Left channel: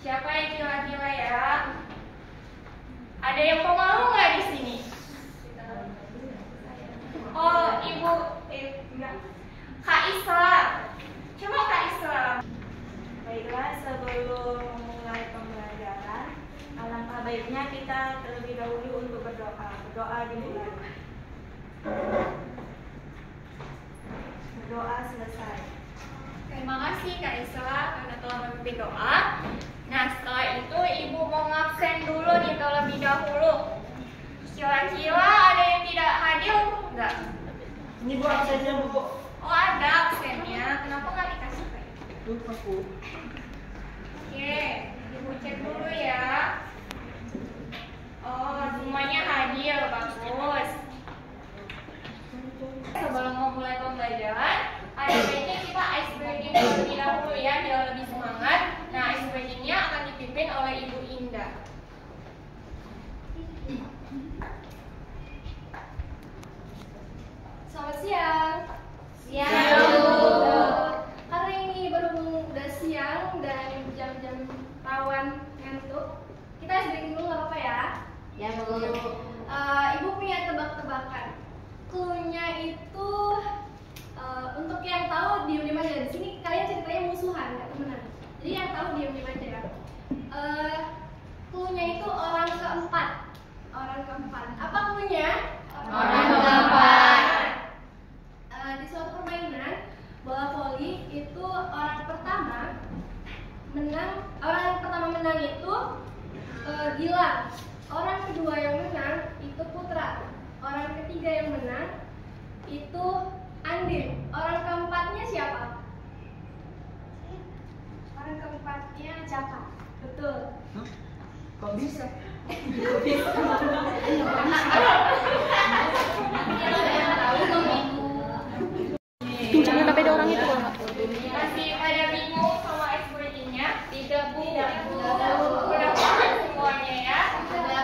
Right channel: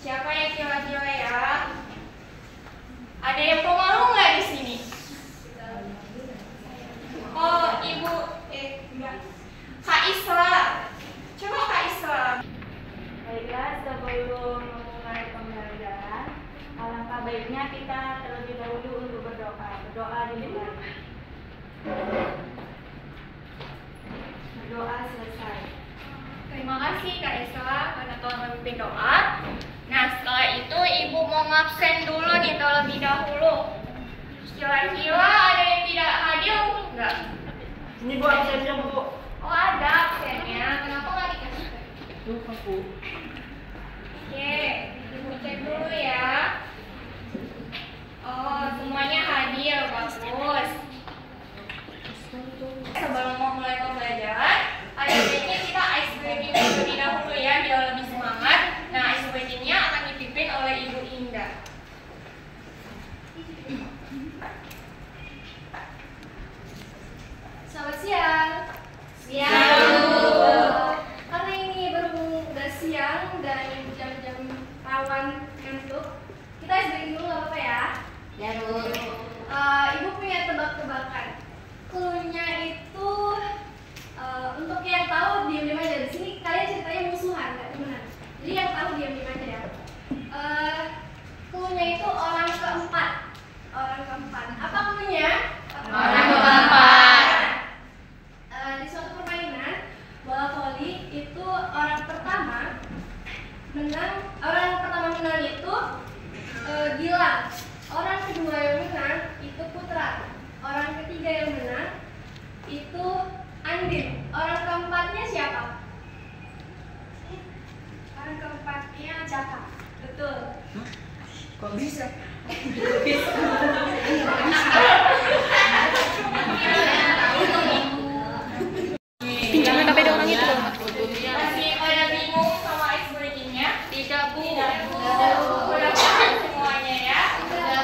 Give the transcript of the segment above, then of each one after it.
Siapa yang kira-kira ya? Ada yang pemalu nggak di sini? Oh, Ibu, enggak. Kak Isra. Coba Kak Isra. Baiklah, sebelum memulai pembelajaran, alangkah baiknya kita terlebih dahulu untuk berdoa. Berdoa dimulai. Berdoa selesai. Terima kasih Kak Isra karena telah memimpin doa. Nah, setelah itu Ibu mau ngabsen dulu nih terlebih dahulu. Kira-kira ada yang tidak hadir enggak? Ini Bu absennya Bu. Oh, ada absennya. Kenapa nggak dikasih? Lupa Bu. Oke, Ibu cek dulu ya. Oh, semuanya hadir, bagus. Sebelum memulai pembelajaran, ada baiknya kita ice breaking terlebih dahulu ya, biar lebih semangat. Nah, ice breakingnya akan dipimpin oleh Ibu Indah. Selamat siang. Siang, Bu. Karena ini berhubung udah siang dan jam-jam rawan ngantuk, kita breaking dulu nggak apa-apa ya? Ya Bu. Ibu punya tebak-tebakan. Cluenya itu untuk yang tahu diam-diam aja. Di sini kalian ceritanya musuhan, nggak temenan. Jadi yang tahu diam-diam aja ya. Cluenya itu orang keempat. Orang keempat. Apa cluenya? Orang keempat. Di suatu permainan bola voli itu orang pertama menang itu Gilang, orang kedua yang menang itu Putra, orang ketiga yang menang itu Andin, orang keempatnya siapa? Orang keempatnya Jaka. Betul. Kok bisa? Pinjam KPD orang itu kalau nggak. Masih pada bingung sama ice breakingnya? Tidak Bu. Udah paham semuanya ya?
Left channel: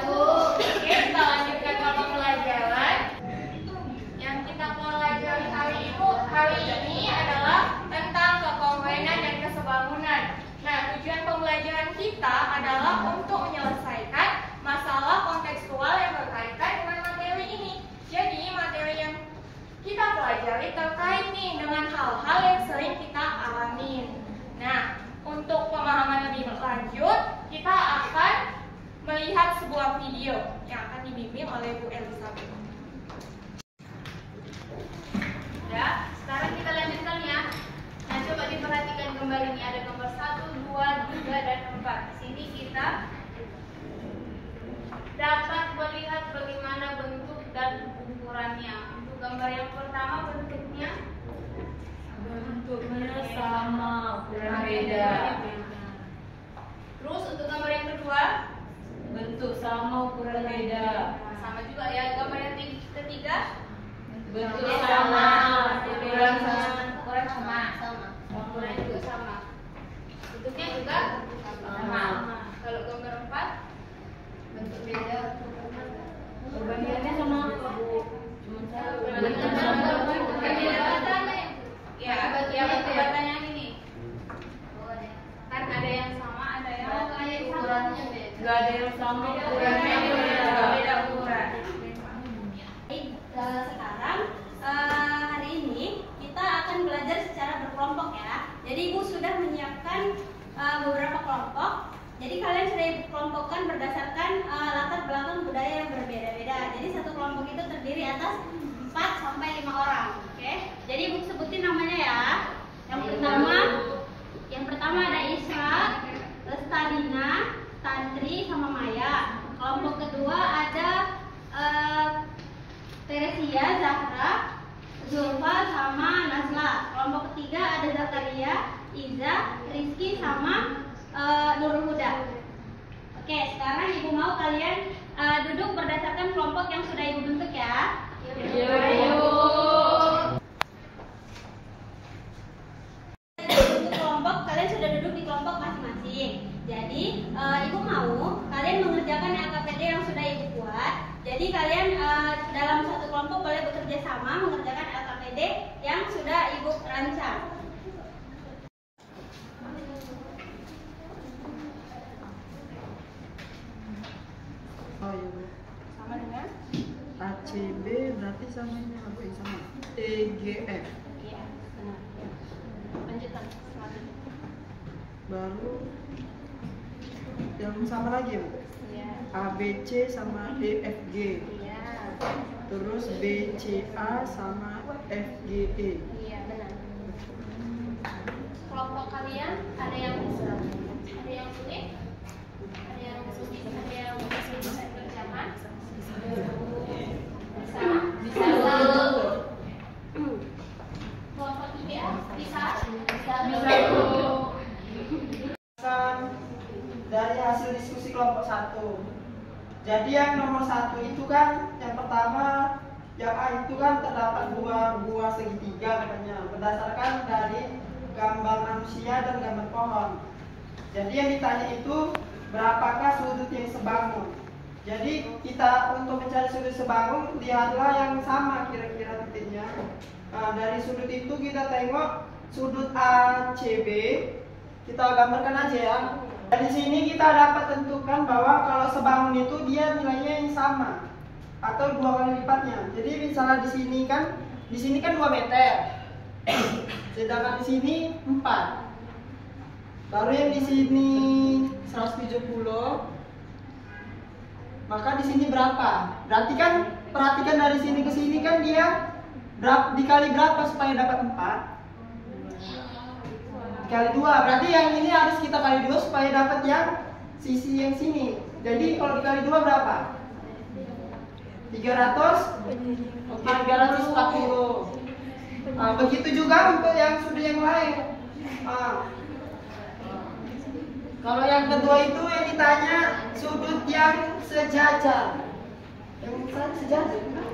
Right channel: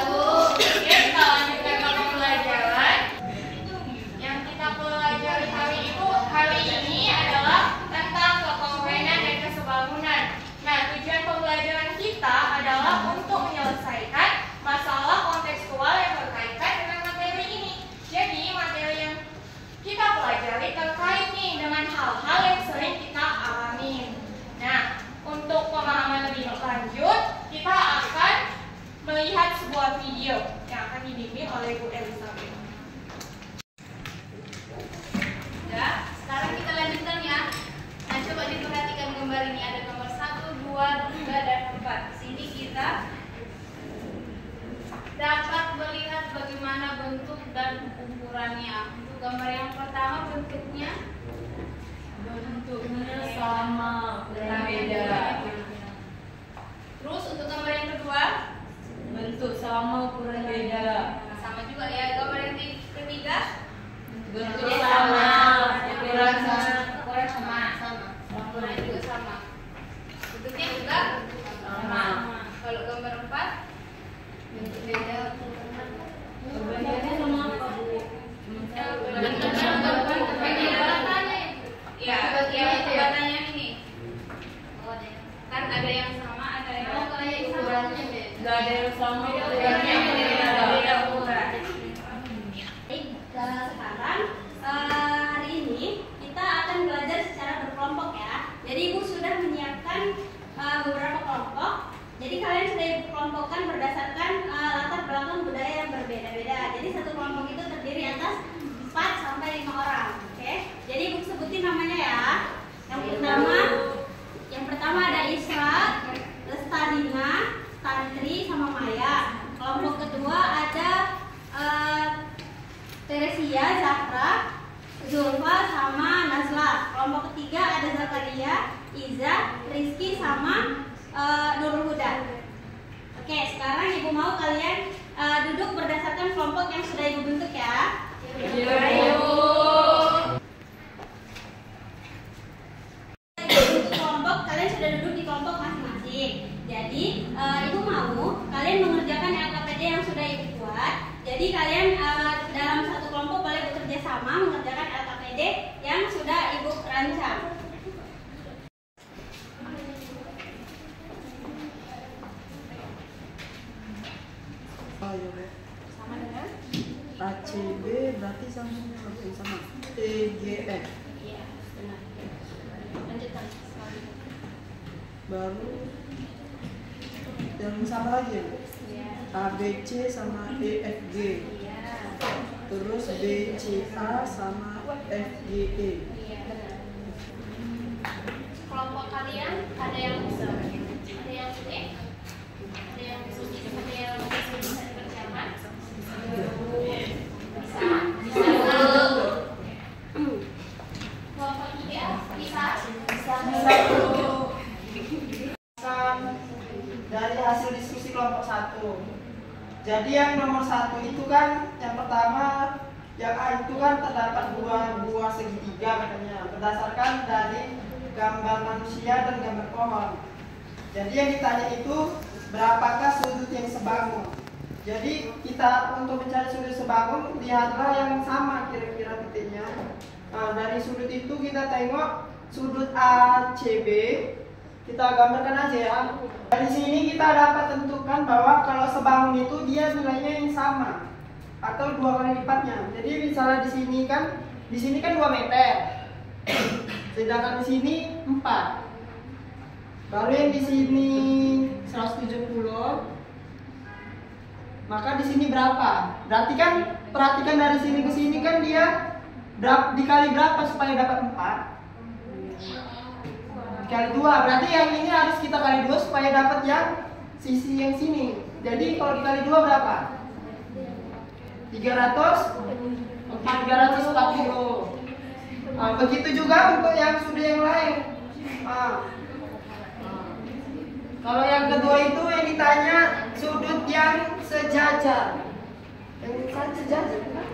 Oke, kita lanjutkan ke pembelajaran. Yang kita pelajari hari ini adalah tentang kekompakan dan kesebangunan. Nah, tujuan pembelajaran kita adalah untuk menyelesaikan masalah kontekstual yang berkaitan dengan materi ini. Jadi, materi yang kita pelajari terkait nih dengan hal-hal yang sering kita alami. Nah, untuk pemahaman lebih lanjut, kita akan melihat sebuah video yang akan dibimbing oleh Bu Elizabeth. Ya, sekarang kita lanjutkan ya. Nah, coba diperhatikan kembali nih, ada nomor 1, 2, 3, dan 4. Di sini kita dapat melihat bagaimana bentuk dan ukurannya. Untuk gambar yang pertama bentuknya sama, ukuran beda. Terus untuk gambar yang kedua Bentuk sama, ukuran beda. sama juga ya. Gambar yang ketiga Bentuk sama, ukuran sama. ukurannya juga sama. Bentuknya juga Sama. Kalau gambar 4 bentuk beda. Perbedaannya sama apa Bu? Bentuk batanya. Ya, batanya ini. Kan ada yang sama, ada yang ukurannya beda. Gak ada yang sama, ukurannya beda. Beda ukuran. Sekarang hari ini kita akan belajar secara berkelompok ya. Jadi Ibu sudah menyiapkan beberapa kelompok. Jadi kalian sudah Ibu kelompokkan berdasarkan latar belakang budaya yang berbeda-beda. Jadi satu kelompok itu terdiri atas 4 sampai 5 orang. Oke. Jadi Ibu sebutin namanya ya. Yang pertama ada Isra, Lestarina, Tantri sama Maya. Kelompok kedua ada Teresia, Zahra, Zulfa sama Nazla. Kelompok ketiga ada Zakaria, Iza, Rizky sama Nurul Huda. Oke, sekarang Ibu mau kalian duduk berdasarkan kelompok yang sudah Ibu bentuk ya. Untuk kelompok, kalian sudah duduk di kelompok masing-masing. Jadi Ibu mau kalian mengerjakan LKPD yang sudah Ibu buat. Jadi kalian dalam satu kelompok boleh bekerja sama mengerjakan LKPD yang sudah Ibu rancang. ya Bu. Sama dengan? ACB berarti sama EGF. Iya, benar. Lanjutkan selanjutnya. Baru yang sama lagi ya Bu? Iya. ABC sama EFG. Iya. Terus BCA sama FGE. Iya, benar. Kelompok kalian ada yang sulit, ada yang sulit, ada yang bisa dikerjakan. Bisa. Kelompok 3 bisa. Dari hasil diskusi kelompok 1. Jadi yang nomor 1 itu kan yang pertama yang A itu kan terdapat dua buah segitiga katanya berdasarkan dari gambar manusia dan gambar pohon. Jadi yang ditanya itu berapakah sudut yang sebangun. Jadi kita untuk mencari sudut sebangun lihatlah yang sama kira-kira titiknya. Nah, dari sudut itu kita tengok sudut ACB, kita gambarkan aja ya. Dari sini kita dapat tentukan bahwa kalau sebangun itu dia nilainya yang sama atau 2 kali lipatnya. Jadi misalnya di sini kan 2 meter. Sedangkan di sini 4. Baru yang di sini 170. Maka di sini berapa? Berarti kan perhatikan dari sini ke sini kan dia dikali berapa supaya dapat 4? Kali 2, berarti yang ini harus kita kali 2 supaya dapat yang sisi yang sini. Jadi kalau dikali 2 berapa? 300? Oke, 340. Begitu juga untuk yang sudut yang lain. Kalau yang kedua itu yang ditanya sudut yang sejajar. Yang sejajar kan?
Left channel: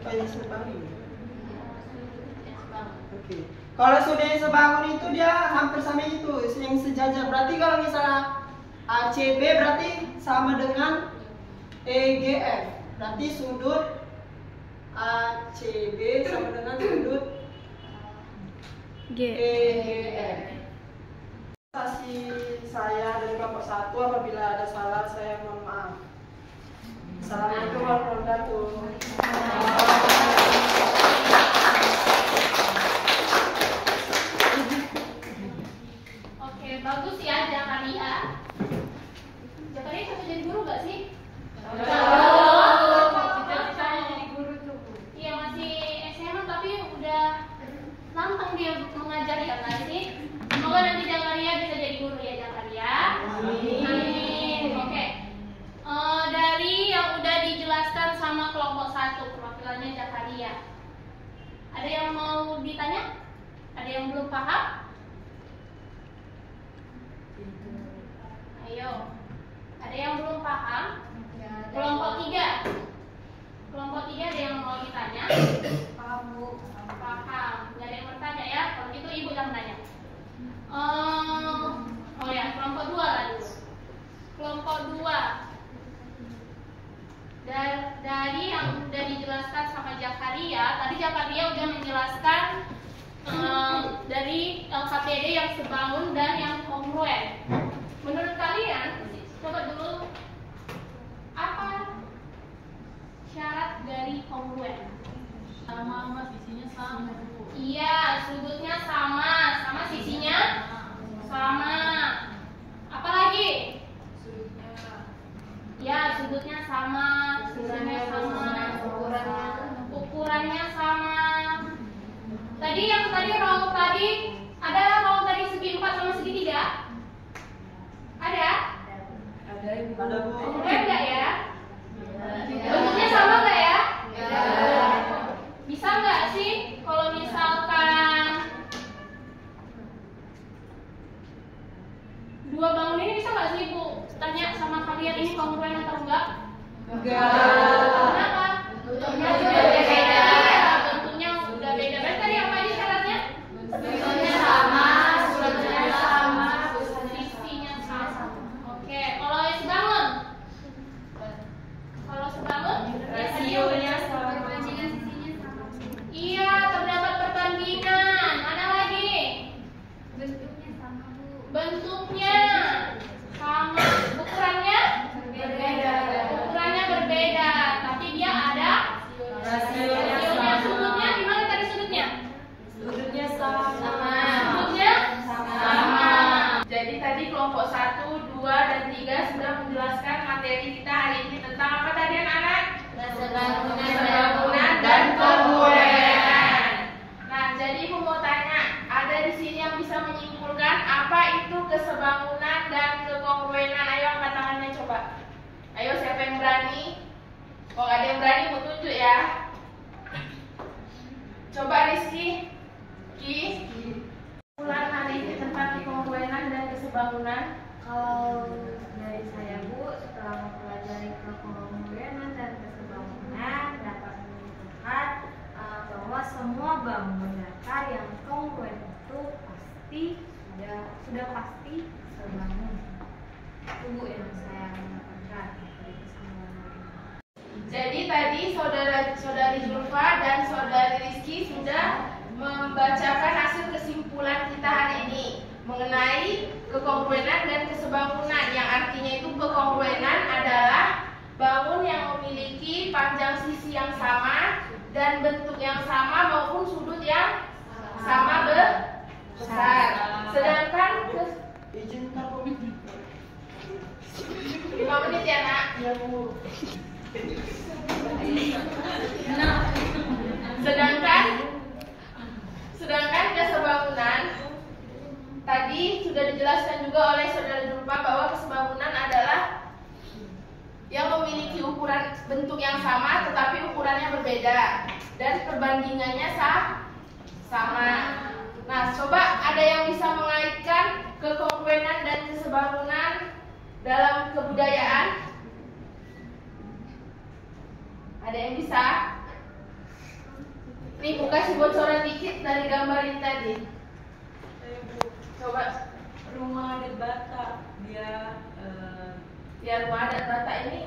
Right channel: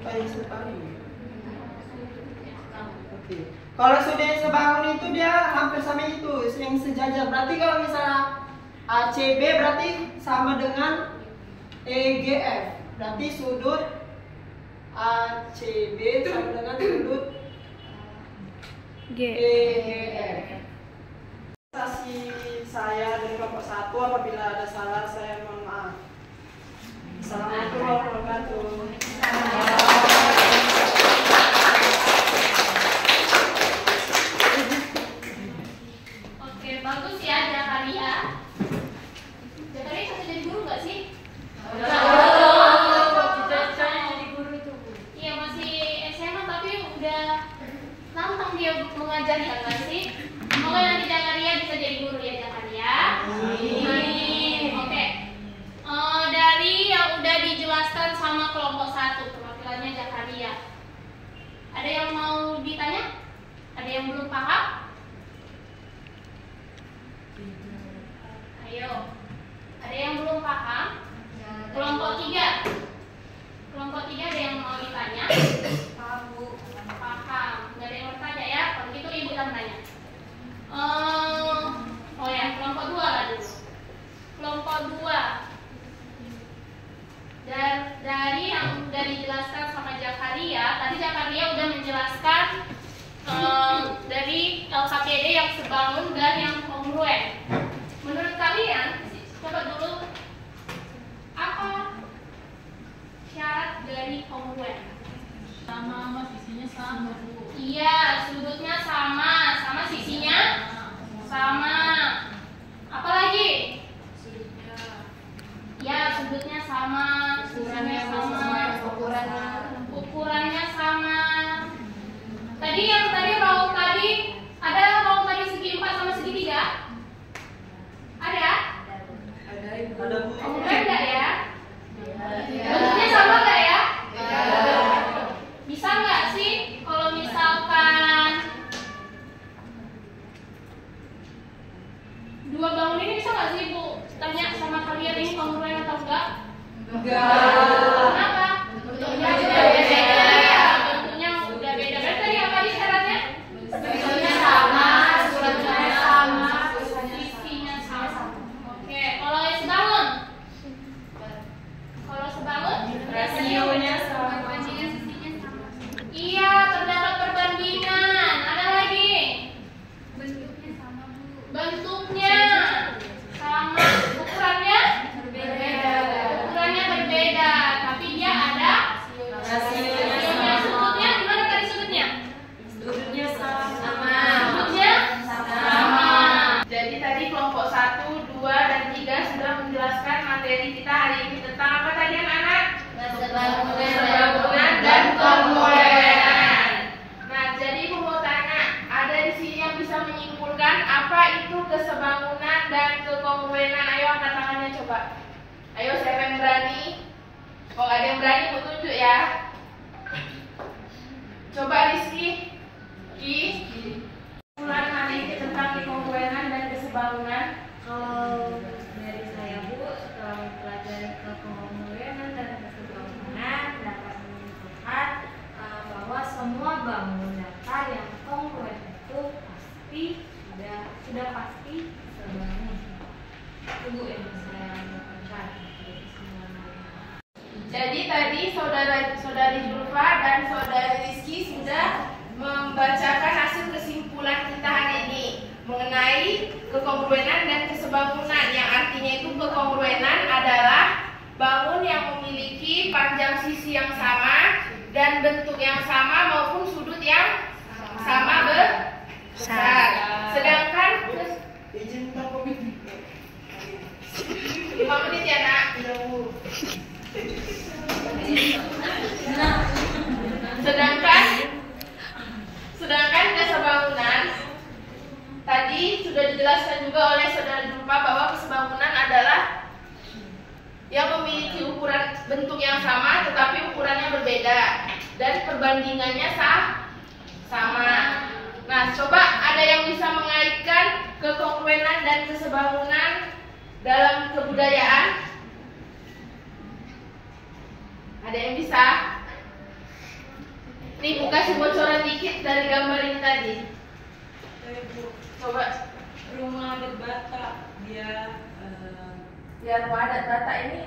Apa yang sebangun? Oke. Kalau sudut yang sebangun itu dia hampir sama itu, yang sejajar. Berarti kalau misalnya ACB berarti sama dengan EGF. Berarti sudut ACB sama dengan sudut EGF. Presentasi saya dari kelompok 1, apabila ada salah saya mohon maaf. Assalamualaikum warahmatullahi wabarakatuh. Oke, bagus ya Zakaria. Zakaria bisa jadi guru nggak sih? Iya, masih SMA tapi udah lantang dia mengajari kan nggak sih? Semoga nanti Zakaria bisa jadi guru ya Zakaria. Oke. Dari yang udah dijelaskan sama kelompok 1 perwakilannya Zakaria. Ada yang mau ditanya? Ada yang belum paham? Ayo. Ada yang belum paham? Kelompok 3. Kelompok 3 ada yang mau ditanya? Paham, Bu. Paham. Nggak ada yang bertanya ya? Kalau gitu Ibu yang tanya. Oh ya, kelompok 2 lah dulu. Kelompok 2. Dari yang udah dijelaskan sama Zakaria, tadi Zakaria udah menjelaskan dari LKPD yang sebangun dan yang kongruen. Menurut kalian, coba dulu apa syarat dari kongruen? Sama sisinya sama Bu. Iya, sudutnya sama, sama sisinya sama. Apalagi? Ya, sudutnya sama, sisinya sama, ukurannya sama. Tadi yang tadi raut tadi ada raut tadi segi 4 sama segi 3? Ada? Ada Ibu. Ada Bu. Beda ya? Bentuknya sama nggak ya? Bisa nggak sih kalau misalkan dua bangun ini bisa nggak sih Bu tanya sama kalian ini kongruen atau enggak? Kenapa? Bentuknya udah beda. Bentuknya udah beda. Berarti tadi apa tadi syaratnya? Bentuknya sama, sudutnya sama, sisinya sama. Oke, kalau sebangun? Kalau sebangun? Rasionya sama. Iya, terdapat perbandingan. Ada lagi? Bentuknya sama, Bu. Bentuknya sama, ukurannya berbeda. kesebangunan, dan kekongruenan. Ayo angkat tangannya coba. Ayo siapa yang berani? Kalau ada yang berani mau tunjuk ya. Coba Rizky. Kesimpulan hari ini tentang kekongruenan dan kesebangunan. Kalau dari saya Bu, setelah mempelajari kekongruenan dan kesebangunan dapat menyimpulkan bahwa semua bangun data yang kongruen itu pasti sudah pasti sebangun. Itu Bu yang saya lakukan. Jadi tadi saudari Zulfa dan saudari Rizky sudah membacakan hasil kesimpulan kita hari ini mengenai kekongruenan dan kesebangunan, yang artinya itu kekongruenan adalah bangun yang memiliki panjang sisi yang sama dan bentuk yang sama maupun sudut yang sama besar. Sedangkan Izin berapa menit? 5 menit ya nak. Sedangkan kesebangunan tadi sudah dijelaskan juga oleh saudara Zulfa bahwa kesebangunan adalah yang memiliki ukuran bentuk yang sama tetapi ukurannya berbeda dan perbandingannya sama. Nah, coba ada yang bisa mengaitkan kekongruenan dan kesebangunan dalam kebudayaan? Ada yang bisa? Nih, aku kasih bocoran dikit dari gambar ini tadi. Coba. Rumah adat Batak, dia Rumah adat Batak ini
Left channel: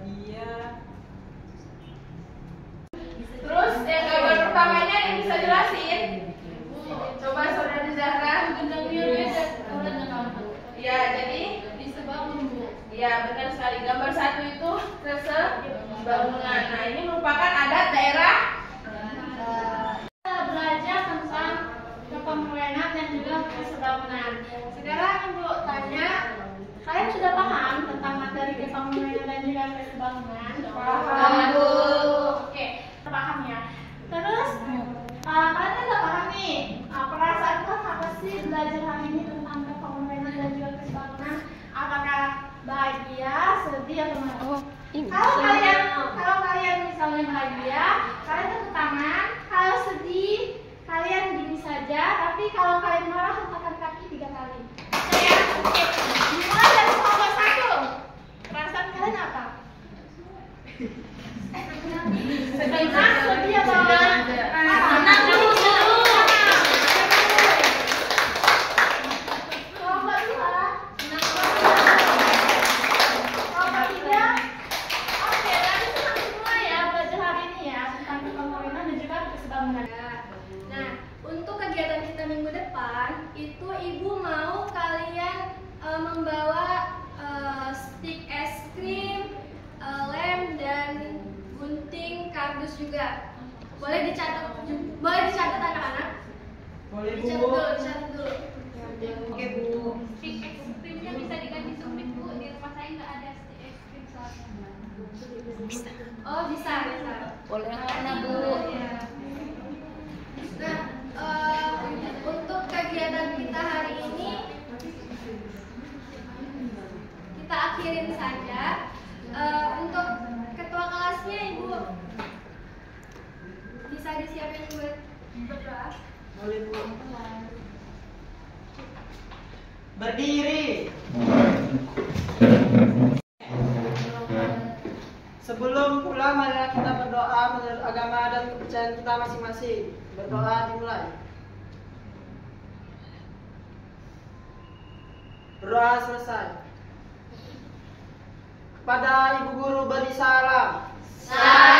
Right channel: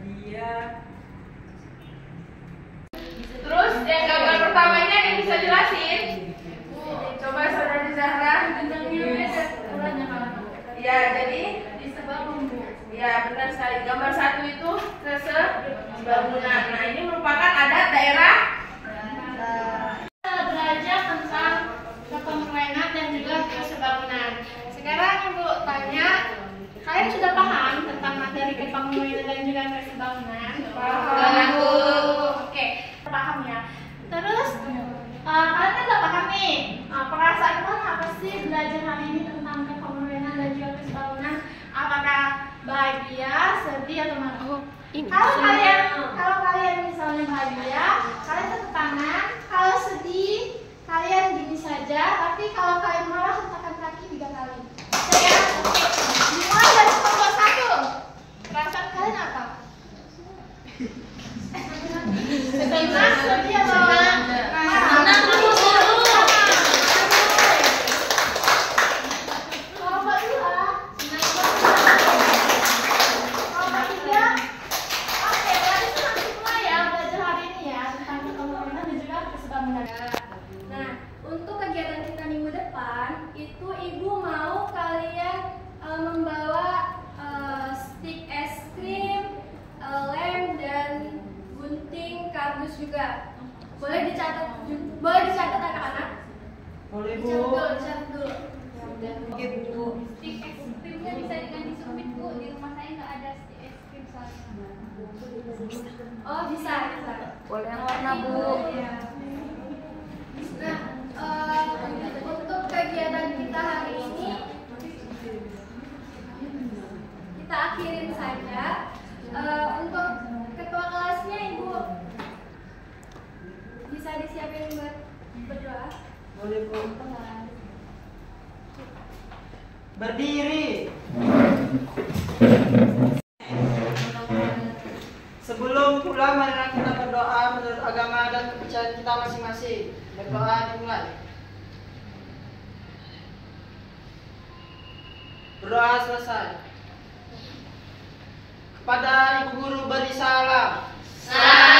dia terus yang gambar pertama ini ada yang bisa jelasin? Coba saudari Zahra. Ya, jadi ya benar sekali. Gambar satu itu kesebangunan. Nah, ini merupakan adat daerah. Kita belajar tentang kekongruenan dan juga kesebangunan. Sekarang Ibu tanya, kalian sudah paham tentang materi kekongruenan dan juga kesebangunan? Paham, Bu. Oke, paham ya. Terus kalian udah paham nih. Perasaan kalian apa sih belajar hari ini tentang kekongruenan dan juga kesebangunan? Apakah bahagia, sedih, atau marah? Kalau kalian misalnya bahagia, kalian tepuk tangan. Kalau sedih, kalian gini saja. Tapi kalau kalian marah, hentakan kaki 3 kali. Ya, oke. Dimulai dari kelompok 1. Perasaan kalian apa? Senang, sedih, atau marah? Senang dulu. Kelompok 2. Kelompok 3. Oke, berarti senang semua ya belajar hari ini ya tentang kekongruenan dan juga kesebangunan. Nah, untuk kegiatan kita minggu depan itu Ibu mau kalian membawa stik es krim, lem, dan gunting kardus juga. Boleh dicatat anak-anak? Boleh, Bu. Dicatat dulu. Stik es krimnya bisa diganti sumpit Bu, di rumah saya nggak ada stik es krim soalnya. Oh, bisa. boleh yang warna Bu. Nah, untuk kegiatan kita hari ini kita akhirin saja. Untuk ketua kelasnya Ibu bisa disiapin buat berdoa. Boleh, Bu. Berdiri. Sebelum pulang, marilah kita berdoa menurut agama dan kepercayaan kita masing-masing. Berdoa dimulai. Berdoa selesai. Kepada Ibu Guru beri salam. Salam.